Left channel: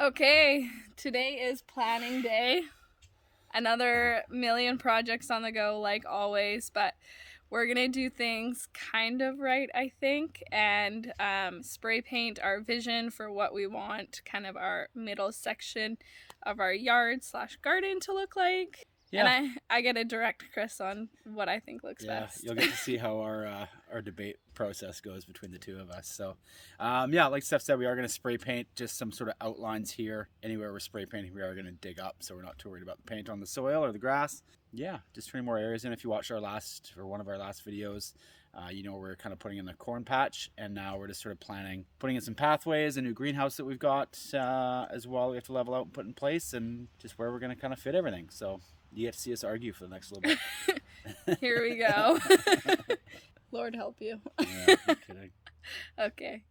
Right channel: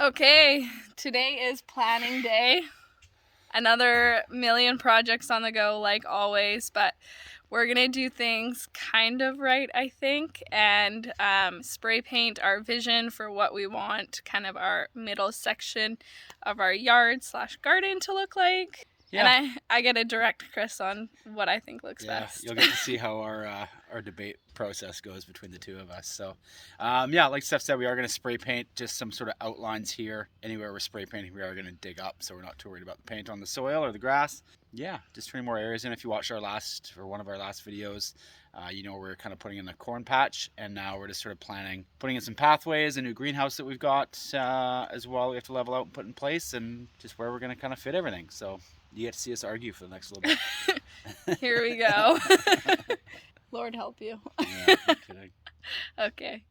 Okay, today is planning day. Another million projects on the go like always, but we're gonna do things kind of right, I think, and spray paint our vision for what we want kind of our middle section of our yard slash garden to look like. Yeah. And I get to direct Chris on what I think looks best. You'll get to see how our debate process goes between the two of us. So, yeah, like Steph said, we are going to spray paint just some sort of outlines here. Anywhere we're spray painting, we are going to dig up, so we're not too worried about the paint on the soil or the grass. Yeah, just turning more areas in. If you watched one of our last videos, you know, we're kind of putting in the corn patch, and now we're just sort of putting in some pathways, a new greenhouse that we've got as well. We have to level out and put in place, and just where we're going to kind of fit everything. So you get to see us argue for the next little bit. Here we go. Lord help you. Yeah, I'm kidding. Okay.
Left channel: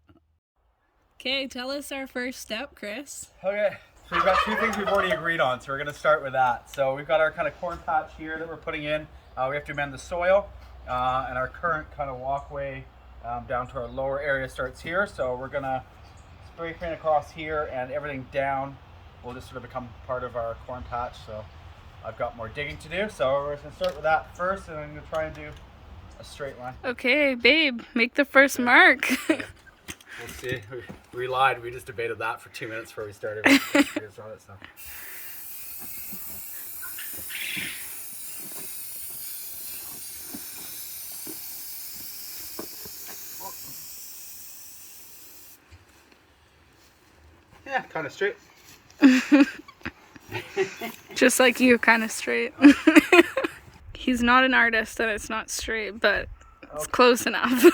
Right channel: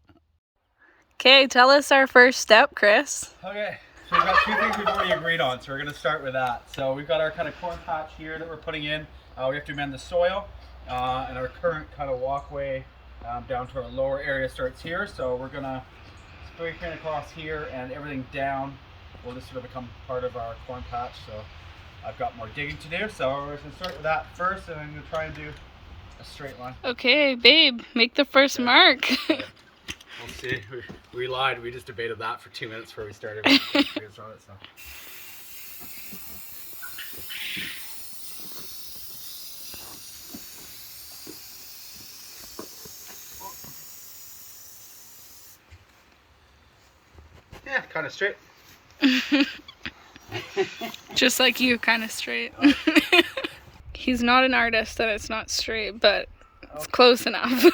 Okay, tell us our first step, Chris. Okay, so we've got two things we've already agreed on, so we're going to start with that. So we've got our kind of corn patch here that we're putting in. We have to amend the soil, and our current kind of walkway down to our lower area starts here. So we're going to spray paint across here, and everything down will just sort of become part of our corn patch. So I've got more digging to do, so we're going to start with that first, and I'm going to try and do a straight line. Okay, babe, make the first mark. Okay. We'll see. We lied. We just debated that for 2 minutes before we started. Stuff. Yeah, kind of straight. Just like you, kind of straight. He's not an artist and it's not straight, but it's close enough.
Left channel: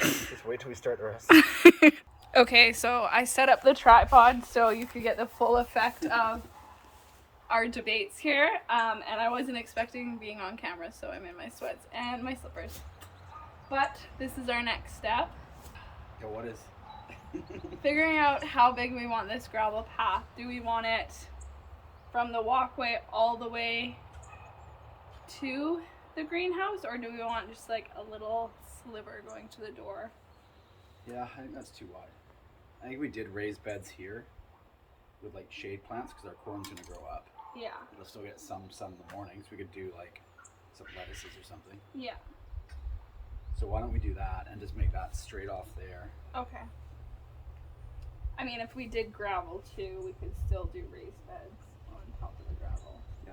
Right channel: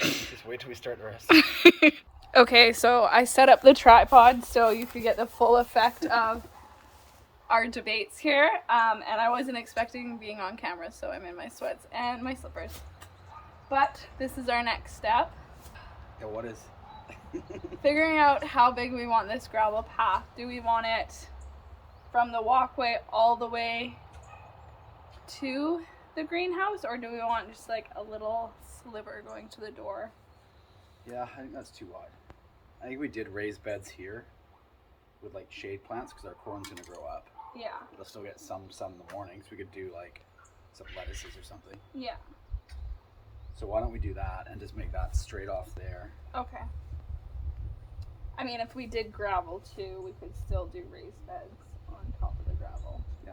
Just wait till we start the rest. Okay, so I set up the tripod so you could get the full effect of our debates here. And I wasn't expecting being on camera, so I'm in my sweats and my slippers. But this is our next step. Yeah, what is? Figuring out how big we want this gravel path. Do we want it from the walkway all the way to the greenhouse, or do we want just like a little sliver going to the door? Yeah, I think that's too wide. I think we did raised beds here with like shade plants because our corn's gonna grow up. Yeah. It'll still get some in the mornings. We could do like some lettuces or something. Yeah. So why don't we do that and just make that straight off there? Okay. I mean, if we did gravel too, we could still do raised beds on top of the gravel. Yeah.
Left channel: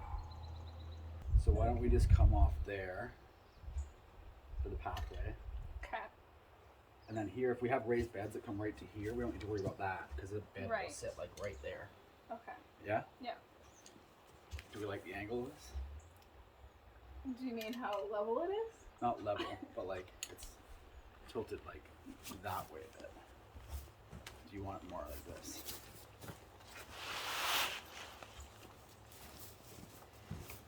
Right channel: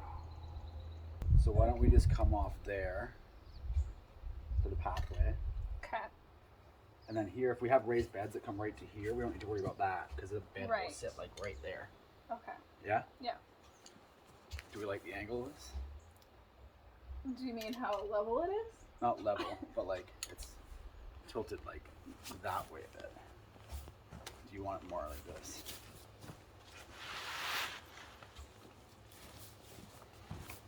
So why don't we just come off there for the pathway? Okay. And then here, if we have raised beds that come right to here, we don't need to worry about that because the bed will Right. sit like right there. Okay. Yeah? Yeah. Do we like the angle of this? Do you mean how level it is? Not level, but like it's tilted like that way a bit. Do you want it more like this?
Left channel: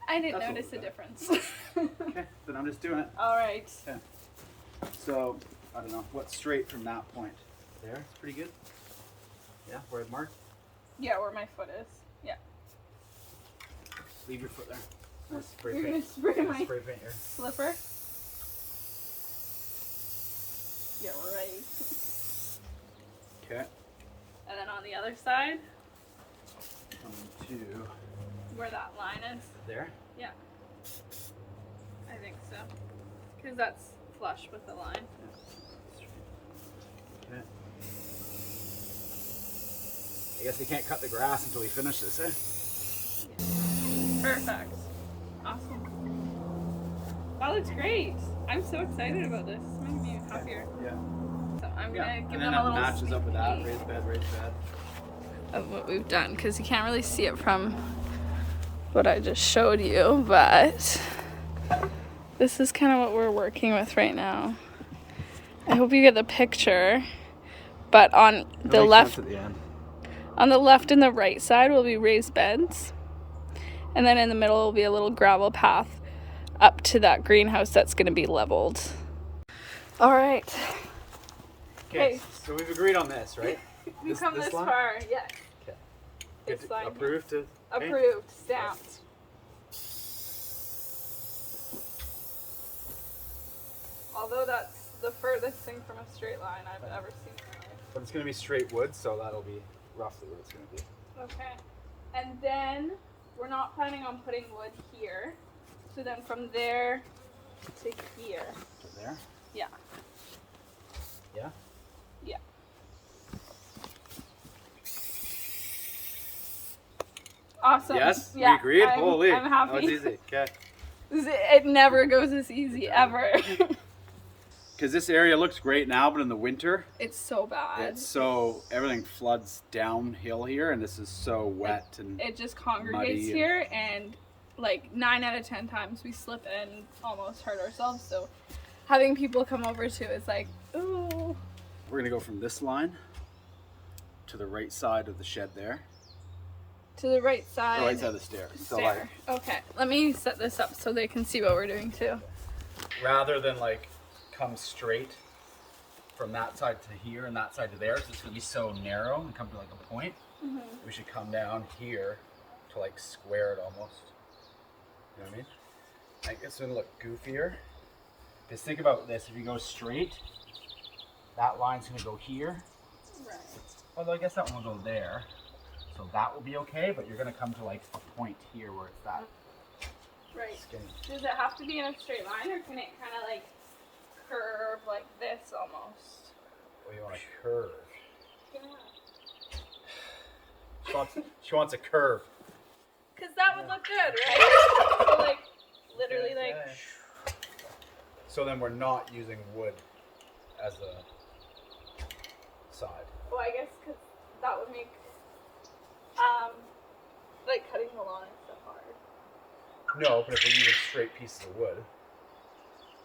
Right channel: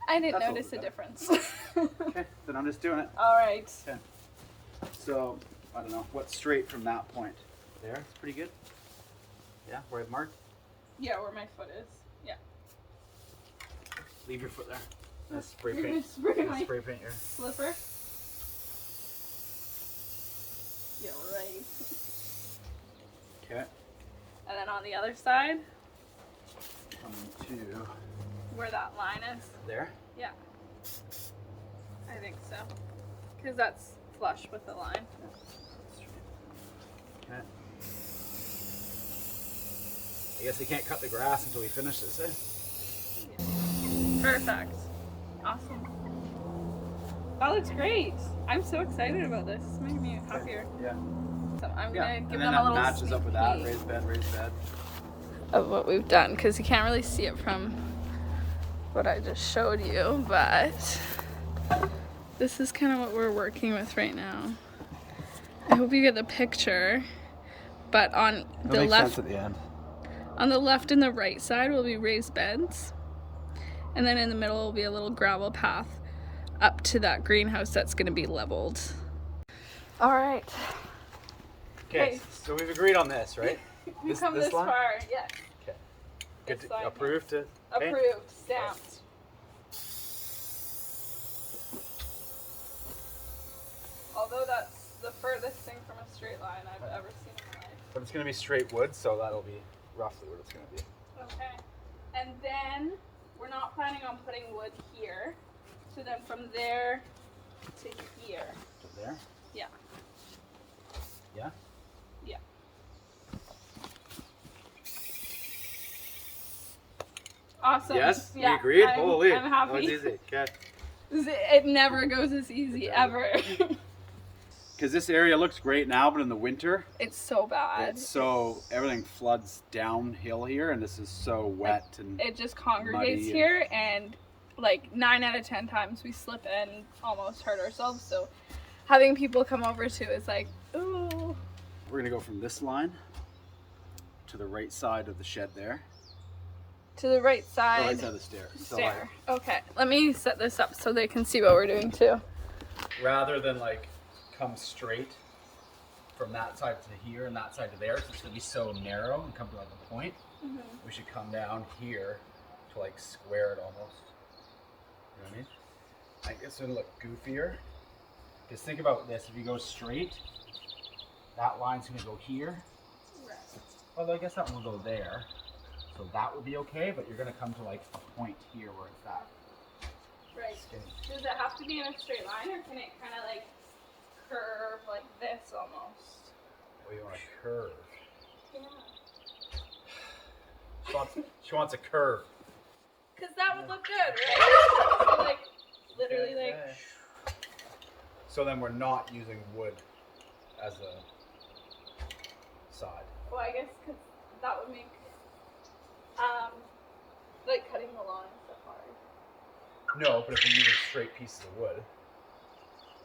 I didn't That's notice a what difference. Okay, then I'm just doing it. All right. Okay. So, I don't know, what's straight from that point? There, it's pretty good. Yeah, where I've marked? Yeah, where my foot is. Yeah. Leave your foot there. Let's spray You're paint. gonna spray my Spray paint here. slipper? Yeah, right. Okay. And then on the other side, Coming to where that line is. there. Yeah. I think so. Because that's flush with the line. Okay. I guess we can't cut the grass until we finish this, eh? Yeah. Perfect. Awesome. That looks great. I'm so excited about this. It's making me happier. Yeah. So I'm Yeah. going to give And then them a that little matches sneak up with that. peek Raised bed, raised bed. of what we've done, because you can't really see it from what I just showed you, but this is kind of what we're working with right now. I hope you get the picture, but on the left, at the end. on the left and the right side will be raised beds, and then in the middle will be a little gravel path up to that greenhouse that's going to be leveled. All right. Okay, so we've agreed on this, right? We've come this line? far, yes. Okay. Good. This line, Approved. Okay. Approved, stamped. Although that's the furthest thing from a straight line I've ever seen in my life. But it's going to be straight wood, so that'll be roughly what it's going to be. Okay. And then we're not planning on putting wood here. So then from there to here. To there? Yeah. Yeah? Yeah. Awesome. Yes? Yeah, We agreed? I'm Holy. happy. That was easy. Okay. It never goes as easy, ever. Because this area looks great now, but in the winter, It's so bad. it's so, everything floods downhill here, and this is so wet and It just congregates muddy here, and like 9 out of 10 times we slip and almost hurt ourselves. So having people come over too is like, ooh. We're gonna go from this line to the right side of the shed there. To the right side. The right side of the stair. So, Stair. Okay, let me set this up so they can see what we're doing too. rather than like come straight from that side to here and that side to there, so it's gonna be so narrow and come to like a point. We should come down here to like square it almost. You know what I mean? Like it's gonna look goofier. Because think about this: if you go straight, that line's gonna go here. Right. Although I guess that one will go there, so that will be okay. But you're gonna come to like a point here where it's that Right. skinny. Does it have to be in a straight line, or can it kind of like curve like this almost? Well, you want a curve. Yeah. She wants a curve. Cause that would look good, right? So like, literally like. Yeah. So then we're not using wood as a side. Well, I guess because that would make, like cutting the lawn and stuff hard. No, but if we're using straight pieces of wood,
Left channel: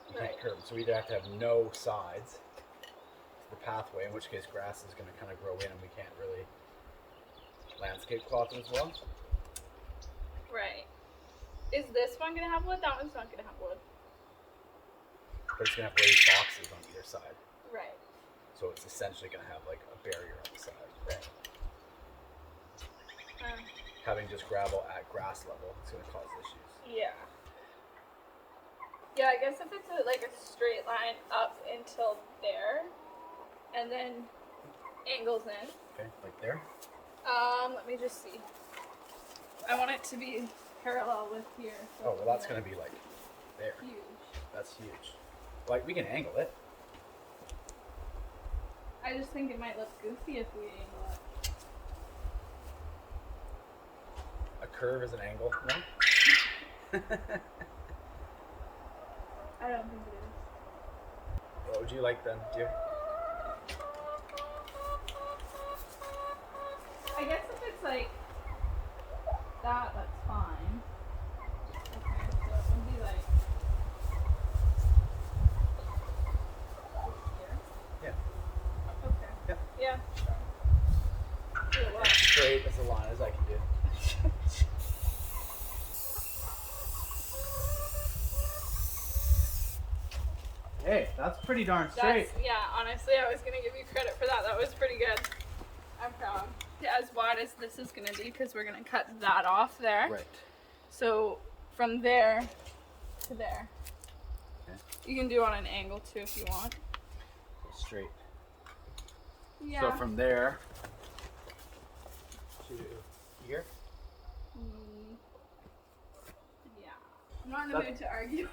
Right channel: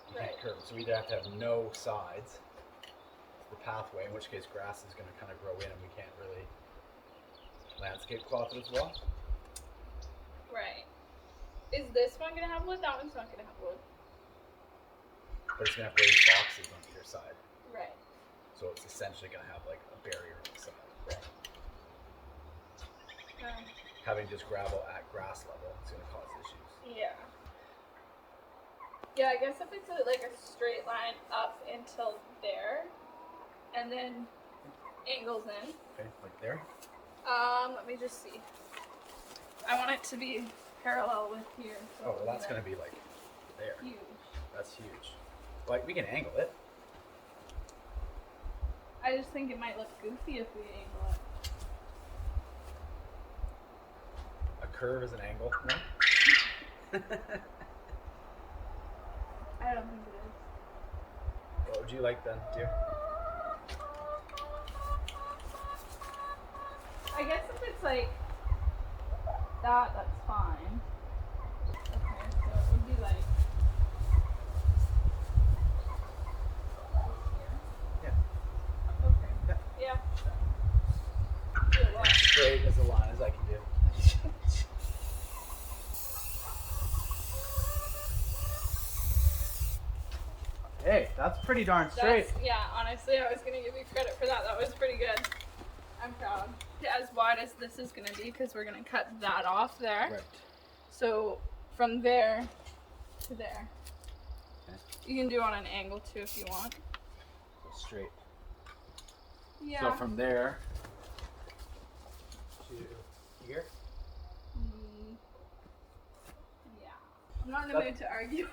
you Right. can't curve it. So we either have to have no sides to the pathway, in which case grass is going to kind of grow in and we can't really landscape cloth it as well. Right. Is this one gonna have wood? That one's not gonna have wood. But it's going to have raised boxes on either side. Right. So it's essentially going to have like a barrier on the side. Right. Having just gravel at grass level, it's going to cause issues. Yeah. Yeah, I guess if it's like a straight line up until there, and then angles in. Okay, like there? Let me just see. I want it to be parallel with here. So Oh, well, that's going to be like there. huge. That's huge. Like, we can angle it. I just think it might look goofy if we angle it. A curve is an angle. No? I don't think it is. What would you like then, dear? I guess if it's like that, that's fine. Okay, so it would be like here. Yeah. Okay. Yeah. Yeah. Do it well. Straight as a line as I can do. Hey, that's pretty darn straight. Yeah, honestly, I was gonna give you credit for that. That was pretty good. I'm proud. As wide as this is gonna be, because we're gonna cut that off there. Right. So from there to there. Okay. You can do on an angle too if you want. Straight. Yeah. So from there to here. Yeah. I'm not in the mood to argue.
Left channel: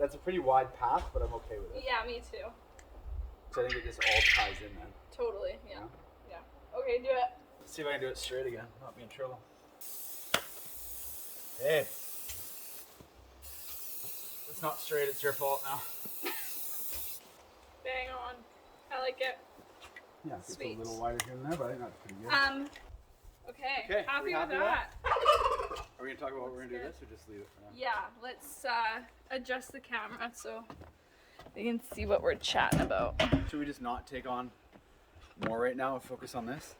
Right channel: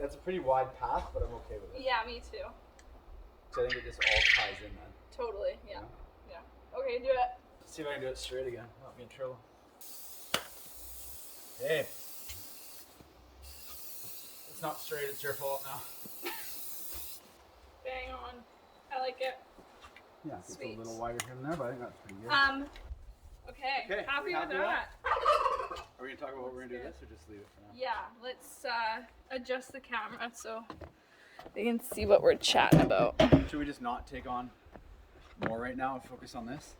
That's a pretty wide path, but I'm okay with it. Yeah, me too. So I think it just all ties in then. Totally. Yeah. Yeah. Okay, do it. Let's see if I can do it straight again. Not being trouble. Hey. It's not straight, it's your fault now. Bang on. I like it. Yeah, it's a Sweet. little wider here and there, but I think that's pretty good. Okay. Okay, Happy we with happy with that. Are we gonna talk about what we're gonna do good. this, or just leave it for now? Yeah, let's adjust the camera so they can see what we're chatting about. Should we just not take on more right now and focus on this?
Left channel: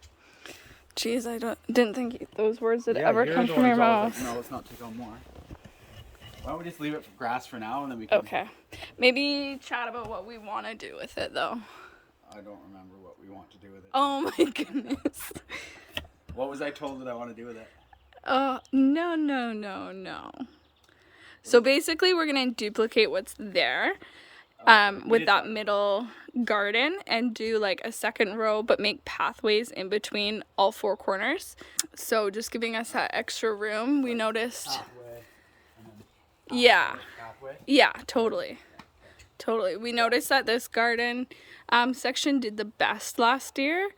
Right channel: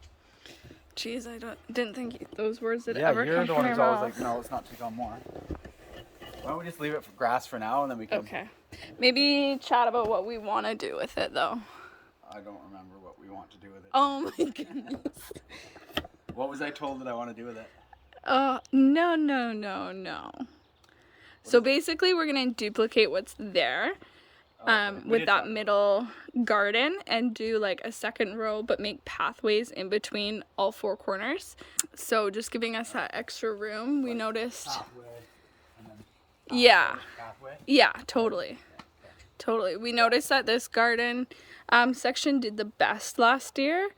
Jeez, I didn't think those words would ever you're come the from one your who's always mouth. like, no, let's not take on more. Why don't we just leave it for grass for now, and then we can... Okay. Maybe chat about what we want to do with it, though. I don't remember what we want to do with it. Oh my goodness. What was I told that I want to do with it? No. So basically, we're going to duplicate what's there. with that middle garden and do like a second row but make pathways in between all 4 corners. So just giving us that extra room. We noticed yeah, totally. We noticed that this garden section did the best last year.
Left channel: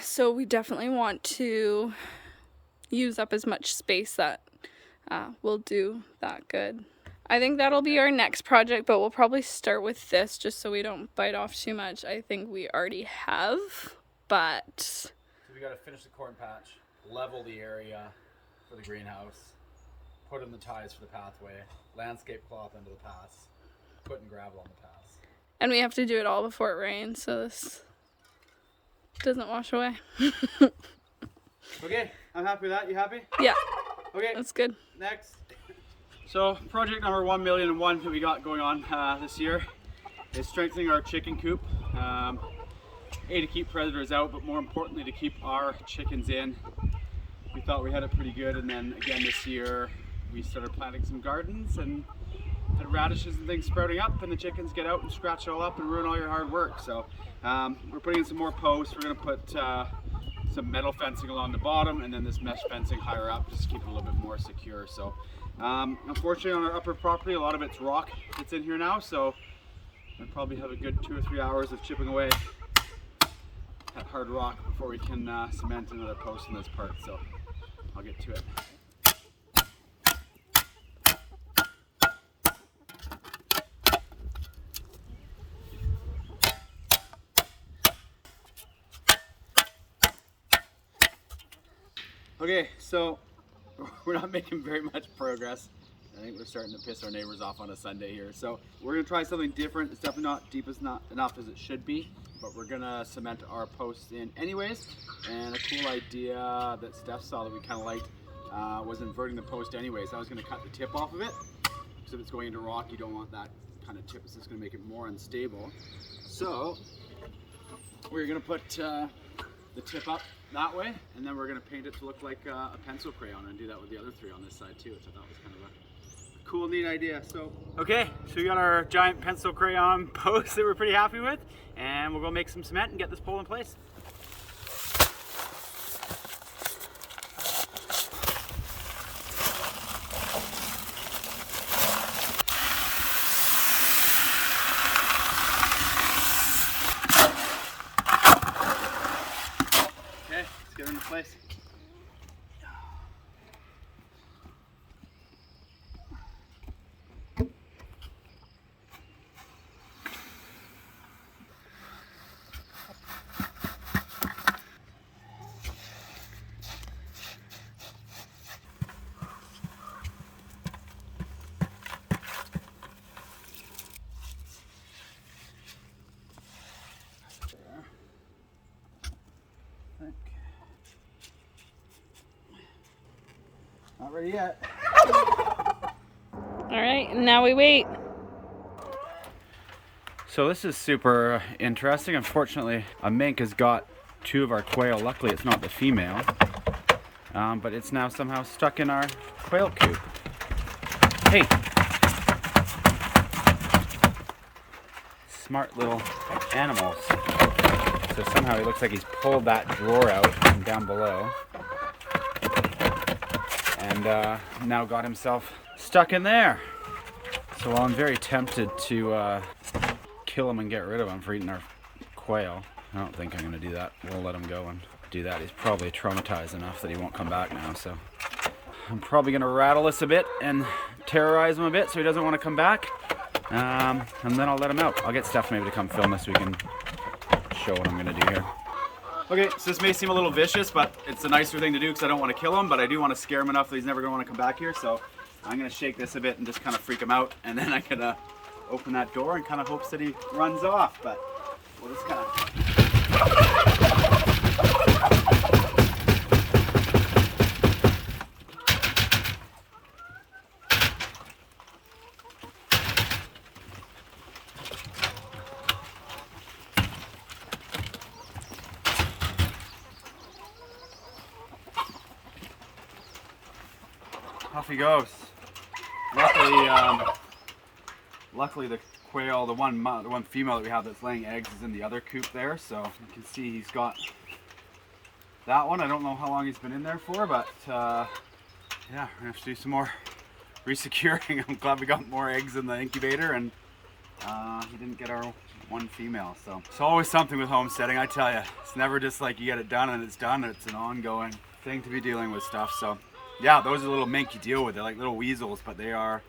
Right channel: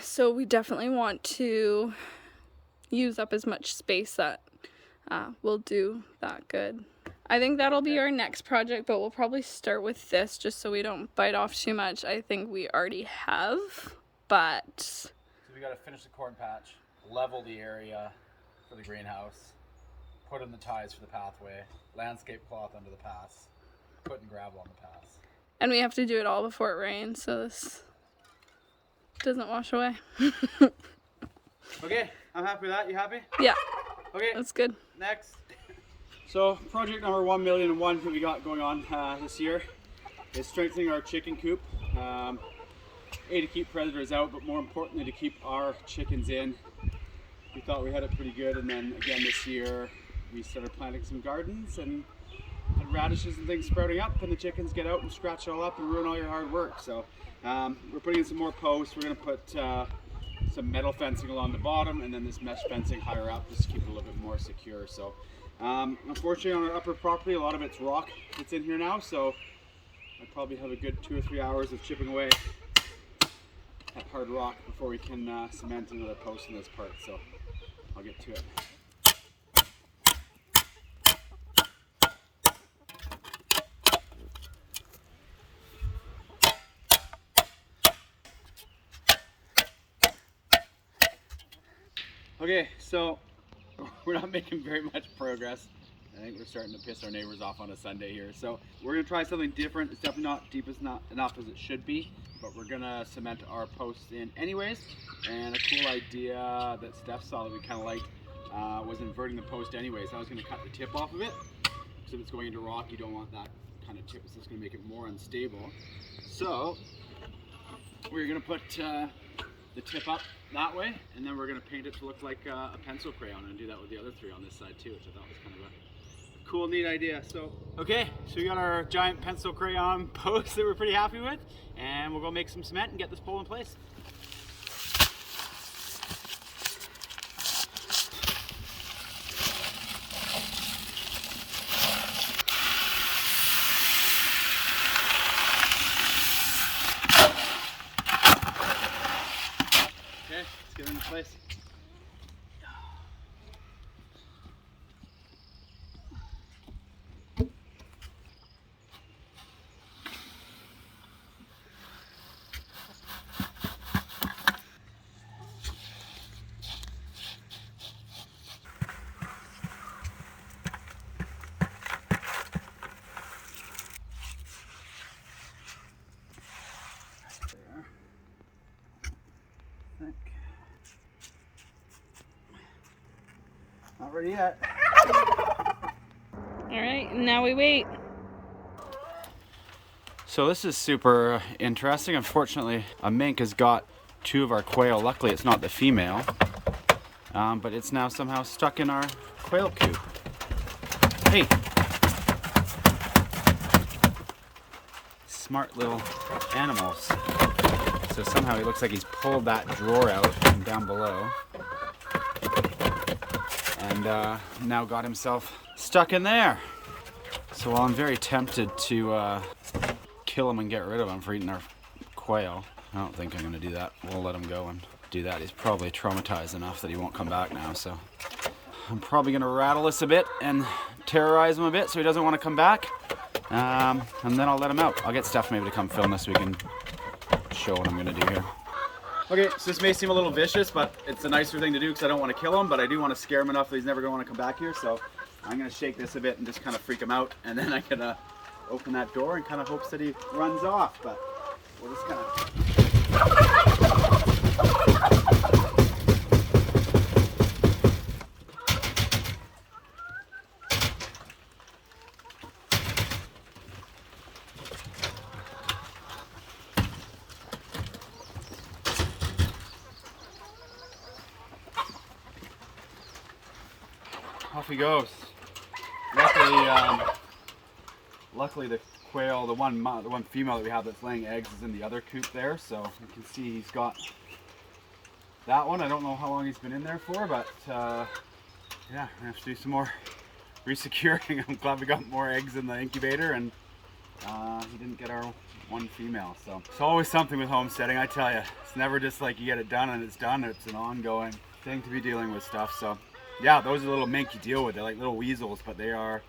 So we definitely want to use up as much space that will do that good. I think that'll be our next project, but we'll probably start with this just so we don't bite off too much. I think we already have, but... So we got to finish the corn patch, level the area for the greenhouse, put in the ties for the pathway, landscape cloth under the paths, put in gravel on the paths. And we have to do it all before it rains, so this doesn't wash away. Okay, I'm happy with that. You happy? Yeah. Okay. That's good. Next. So project number 1,000,001 that we got going on this year is strengthening our chicken coop. To keep predators out, but more importantly to keep our chickens in. We thought we had it pretty good, and then again this year we started planting some gardens and had radishes and things sprouting up, and the chickens get out and scratch it all up and ruin all your hard work. So we're putting in some more posts. We're going to put some metal fencing along the bottom and then this mesh fencing higher up just to keep it a little bit more secure. So unfortunately on our upper property a lot of it's rock that's in here now, so I probably have a good 2 or 3 hours of chipping away at hard rock before we can cement another post in this part, so I'll get to it. Okay, so we're not making very much progress. I think we're starting to piss our neighbors off on a Sunday here. So we're gonna try something different. It's definitely not deep enough as it should be, but we're gonna cement our posts in anyways. And a cool idea that Steph saw that we kind of liked was inverting the post anyways. I was gonna cut the tip off of it, because if it's going into rock, you don't want that kind of tip. It's just gonna make it more unstable. So we're gonna put the tip up that way, and then we're going to paint it to look like a pencil crayon, and do that with the other 3 on this side too, which I thought was kind of a cool, neat idea. So okay, so we got our giant pencil crayon post that we're pretty happy with, and we'll go make some cement and get this pole in place. Get it into place. Not ready yet. All right, now we wait. So this is super interesting. Unfortunately, a mink has got 2 of our quail. Luckily, it's not the female, but it's now somehow stuck in our quail coop. Hey! Smart little animals. So somehow he looks like he's pulled that drawer out from down below, and now got himself stuck in there. So while I'm very tempted to kill him and get rid of him for eating our quail, I don't think I'm going to do that. We'll let him go and do that. He's probably traumatized enough that he won't come back now. So I'm probably going to rattle this a bit and terrorize him a bit so he doesn't want to come back. And then I'll let him out. I'll get Steph maybe to come film this so we can show what I'm going to do here. Okay, so this may seem a little vicious, but it's a nicer thing to do because I don't want to kill him, but I do want to scare him enough that he's never going to want to come back here. So I'm going to shake this a bit and just kind of freak him out, and then I'm going to open that door and kind of hopes that he runs off. But we'll just kind of... Off he goes. Luckily the quail, the one female that we have that's laying eggs is in the other coop there. So you can see he's got that one. I don't know how long he's been in there for, but yeah, we're gonna have to do some more resecuring. I'm glad we got more eggs in the incubator, and he didn't get our one female. So it's always something with homesteading, I tell you. It's never just like you get it done and it's done. It's an ongoing thing to be dealing with stuff. So yeah, those are little mink you deal with. They're like little weasels, but they are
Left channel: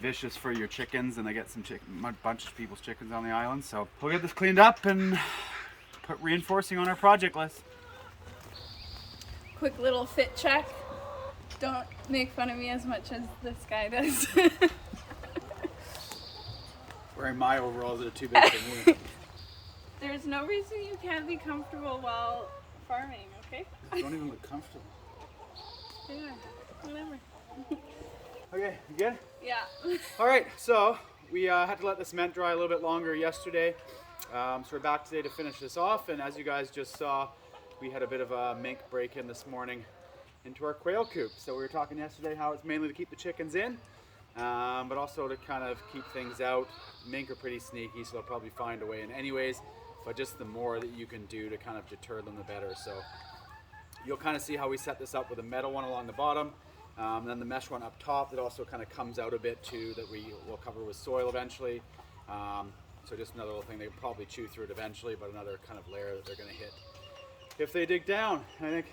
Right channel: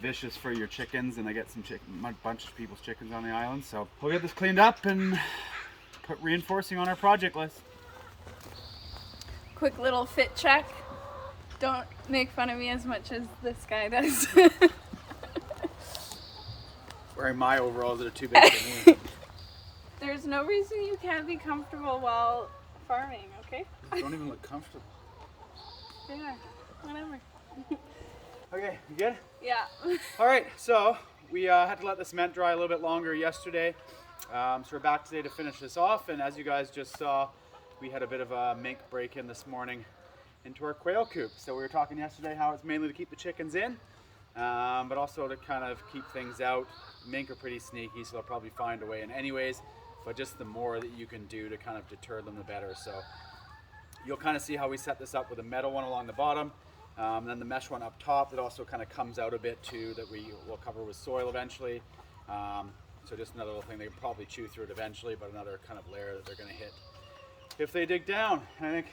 vicious for your chickens, and they get a bunch of people's chickens on the island. So we'll get this cleaned up and put reinforcing on our project list. Quick little fit check. Don't make fun of me as much as this guy does. Wearing my overalls that are too big for me. There's no reason you can't be comfortable while farming, okay? They don't even look comfortable. Yeah, whatever. Okay, you good? Yeah. All right, so we had to let the cement dry a little bit longer yesterday. So we're back today to finish this off. And as you guys just saw, we had a bit of a mink break in this morning into our quail coop. So we were talking yesterday how it's mainly to keep the chickens in, but also to kind of keep things out. Mink are pretty sneaky, so they'll probably find a way in anyways, but just the more that you can do to kind of deter them, the better. So you'll kind of see how we set this up with a metal one along the bottom, and then the mesh one up top that also kind of comes out a bit too, that we will cover with soil eventually. So just another little thing, they can probably chew through it eventually, but another kind of layer that they're going to hit if they dig down. And I think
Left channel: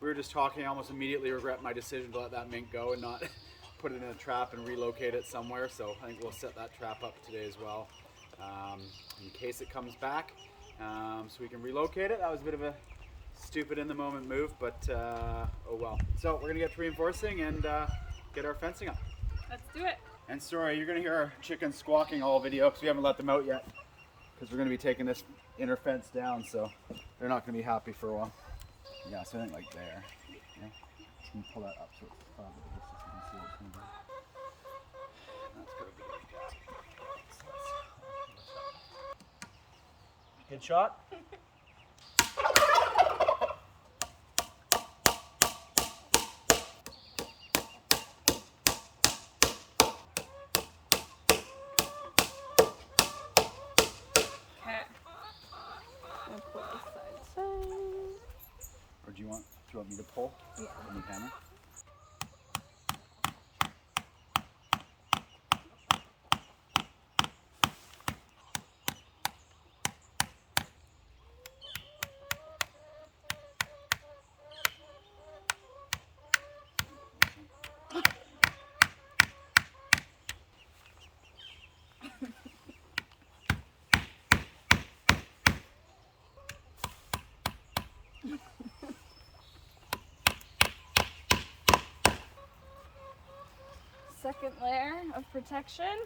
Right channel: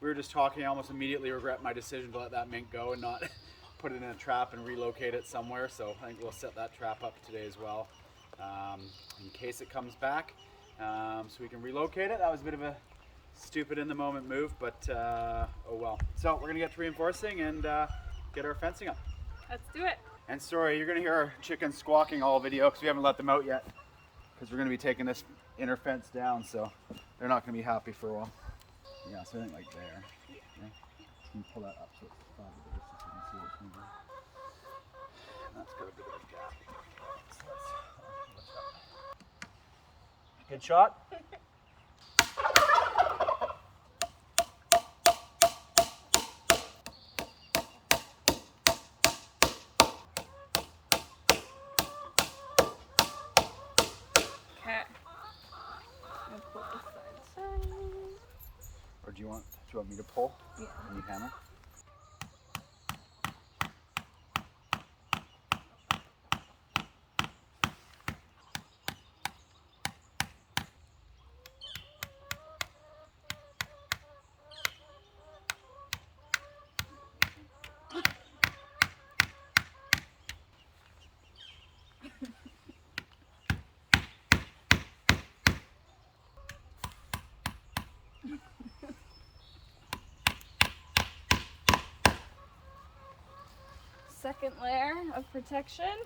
we were just talking, I almost immediately regret my decision to let that mink go and not put it in a trap and relocate it somewhere. So I think we'll set that trap up today as well, in case it comes back, so we can relocate it. That was a bit of a stupid in the moment move, but oh well. So we're gonna get to reinforcing and get our fencing up. Let's do it. And sorry, you're gonna hear our chickens squawking all video because we haven't let them out yet, because we're gonna be taking this inner fence down, so they're not gonna be happy for a while. Yeah, so I think like there. Yeah. Can you pull that up so it's probably bigger so you can see what's going on? That's got a bit of a gap. So let's lift up. Good shot. Okay. I'll put this side. Or do you want me to pull? Yeah. Can you hammer? Second layer of protection.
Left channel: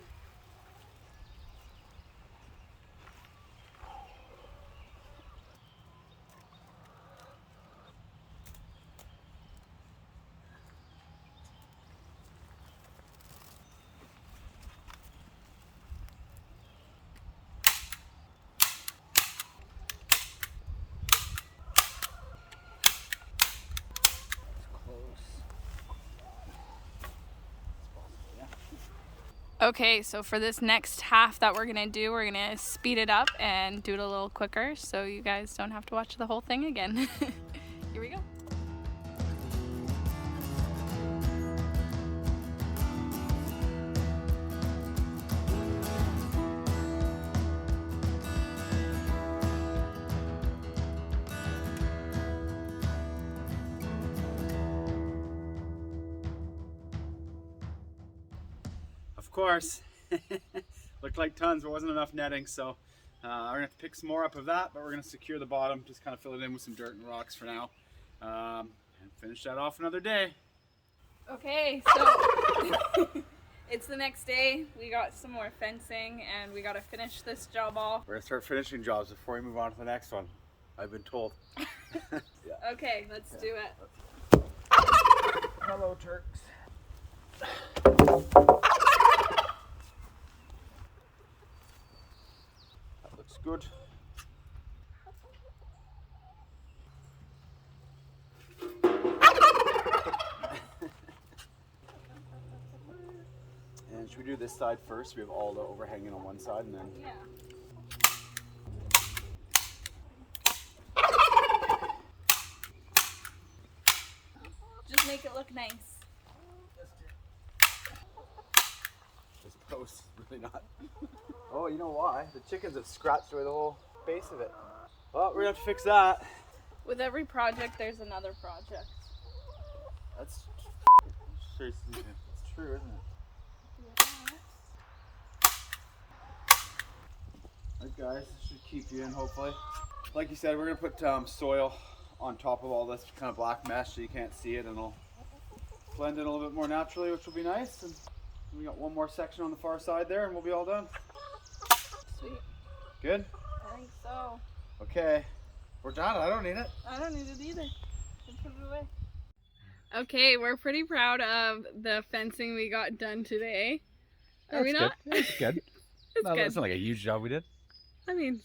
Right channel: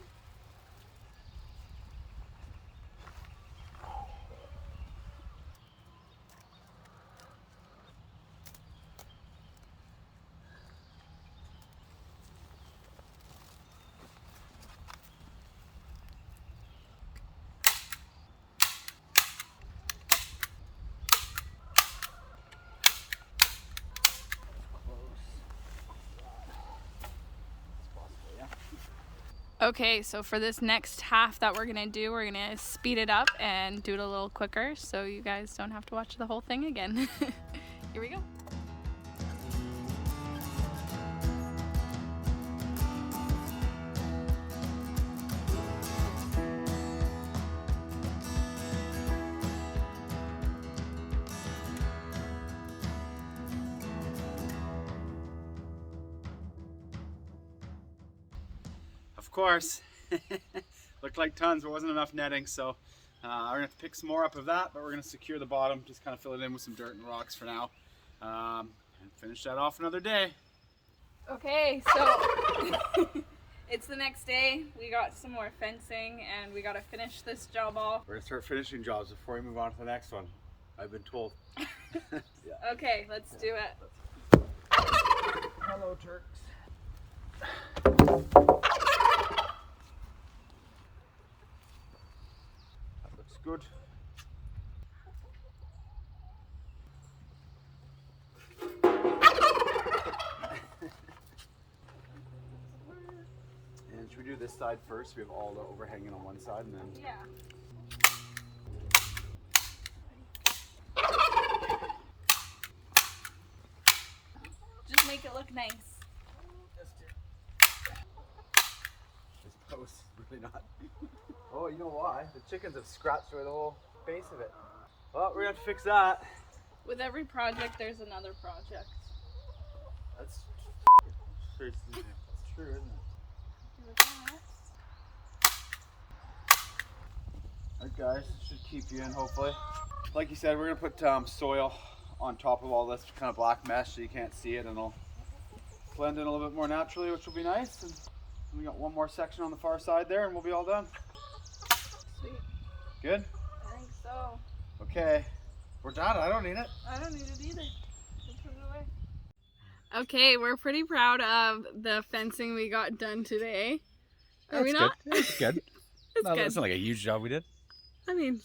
Okay, so for this next half that we're gonna do, we're gonna speed it up and do it a little quicker so you guys don't have to watch the whole thing again. Here we go. Of course. Looked like tons, but wasn't enough netting, so we're gonna have to pick some more up of that, but we're gonna secure the bottom, just kind of fill it in with some dirt and rocks for now, and finish that off another day. Okay, so it's the next day. We got some more fencing and we gotta finish this job off. We're gonna start finishing jobs before we move on to the next one, I've been told. Yeah. Okay, let's do it. Hello, Turks. Looks good. And should we do the this side first. We have all the overhanging on one side, and then Yeah. Just make it look nice. this post really not. Oh, you know why? The chickens have scratched away the whole base of it. Well, we're gonna have to fix that. With every project, there's another project. That's it's true, isn't it? Do with that. Alright guys, this should keep you in hopefully. Like you said, we're gonna put soil on top of all this kind of black mesh so you can't see it, and it'll blend in a little bit more naturally, which will be nice. And we got one more section on the far side there and we'll be all done. Sweet. Good? I think so. Okay. We're done. I don't need it. I don't need it either. I'll put it away. Okay, we're pretty proud of the fencing we got done today. Are we not? It's good. It's good. It's not like a huge job we did. I mean,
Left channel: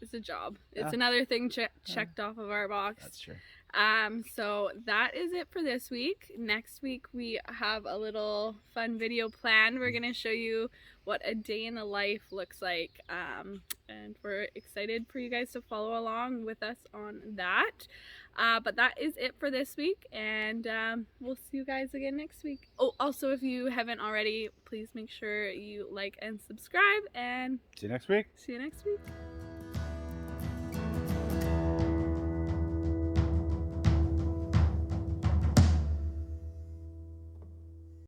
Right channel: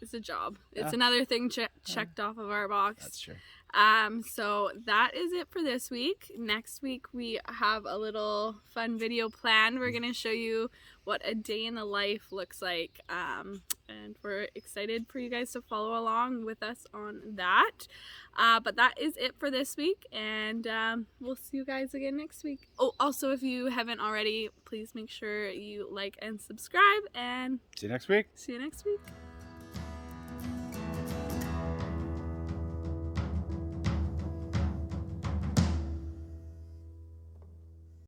it's a job. It's Yeah. another thing checked off of our box. That's true. So that is it for this week. Next week we have a little fun video planned. We're gonna show you what a day in the life looks like, and we're excited for you guys to follow along with us on that. But that is it for this week, and we'll see you guys again next week. Oh, also, if you haven't already, please make sure you like and subscribe, and See you next week. see you next week.